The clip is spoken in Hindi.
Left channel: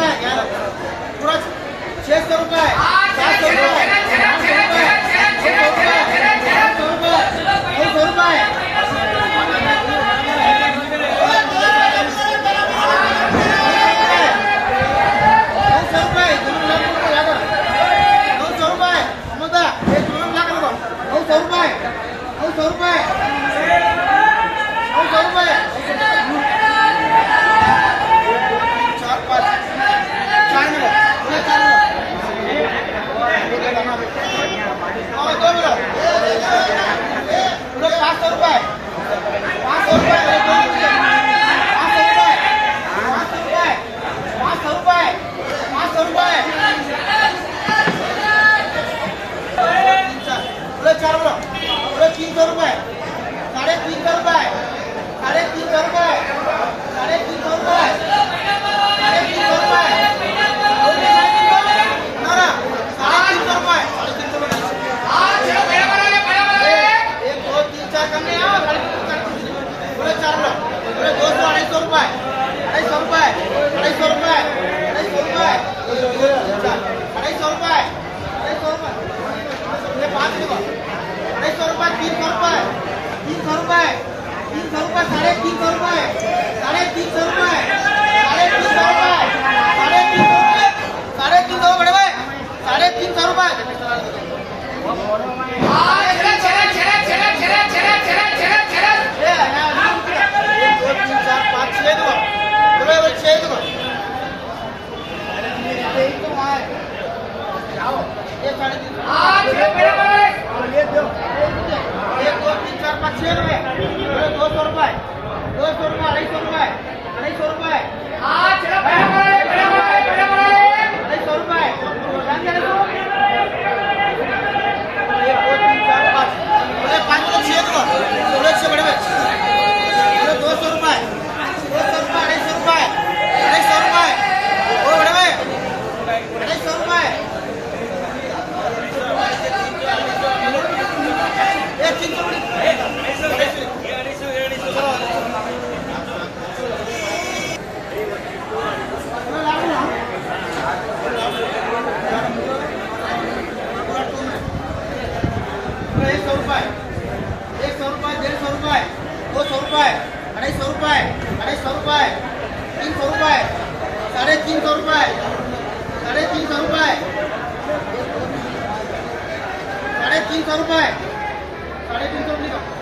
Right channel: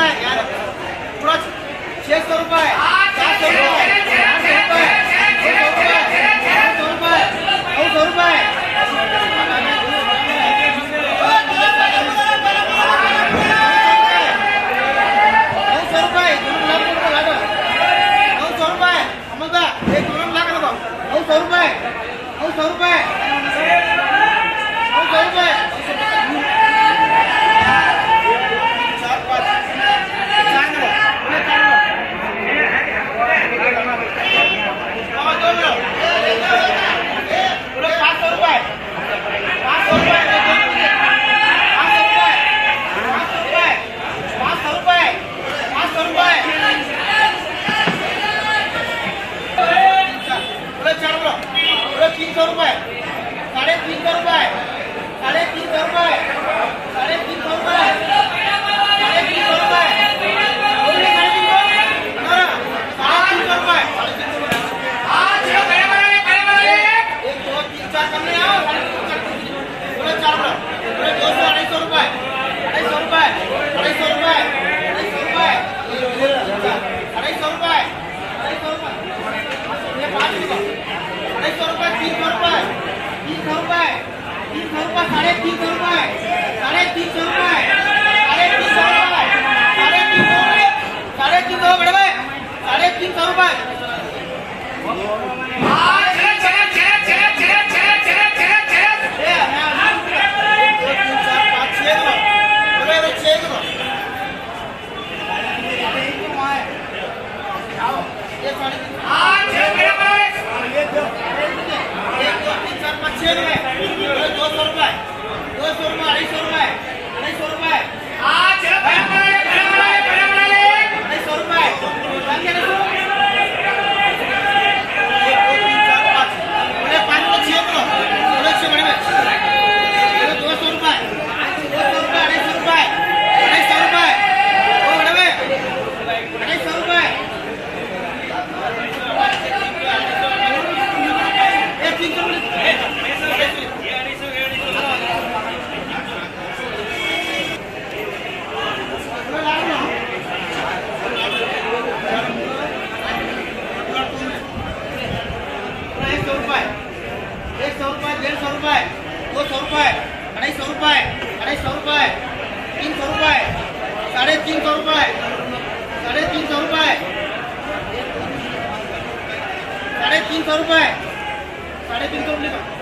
रुपए यार पूरा 600 रुपए 700 रुपए 800 रुपए 900 रुपए 900 रुपए 900 रुपए 900 रुपए 900 रुपए 4 5 और 2 मिनट पूरे 500 रुपए 500 रुपए 500 रुपए 500 रुपए 500 रुपए पूरे 4 मिनट पूरे 300 रुपए 350 रुपए 350 रुपए 350 रुपए 350 रुपए 1 2 3 4 कम नहीं आओ पूरे 4 मिनट पूरे 200 250 रुपए 250 रुपए 250 रुपए 250 रुपए 250 रुपए 250 रुपए ये 5 रुपए 250 रुपए 300 रुपए 300 रुपए 300 रुपए 350 रुपए 350 रुपए 350 रुपए 350 बड़े भाई 350 रुपए 6 रुपए 200 रुपए 200 रुपए 250 रुपए 250 रुपए 250 रुपए 1 2 3 4 5 पूरे 5 तो 6 तो पूरे 6 बड़े 200 रुपए 200 रुपए 250 रुपए 250 रुपए ओ बड़े 250 रुपए 300 रुपए 100 रुपए 150 रुपए 200 रुपए 250 रुपए 250 रुपए 300 रुपए 350 रुपए 350 रुपए 350 रुपए 350 रुपए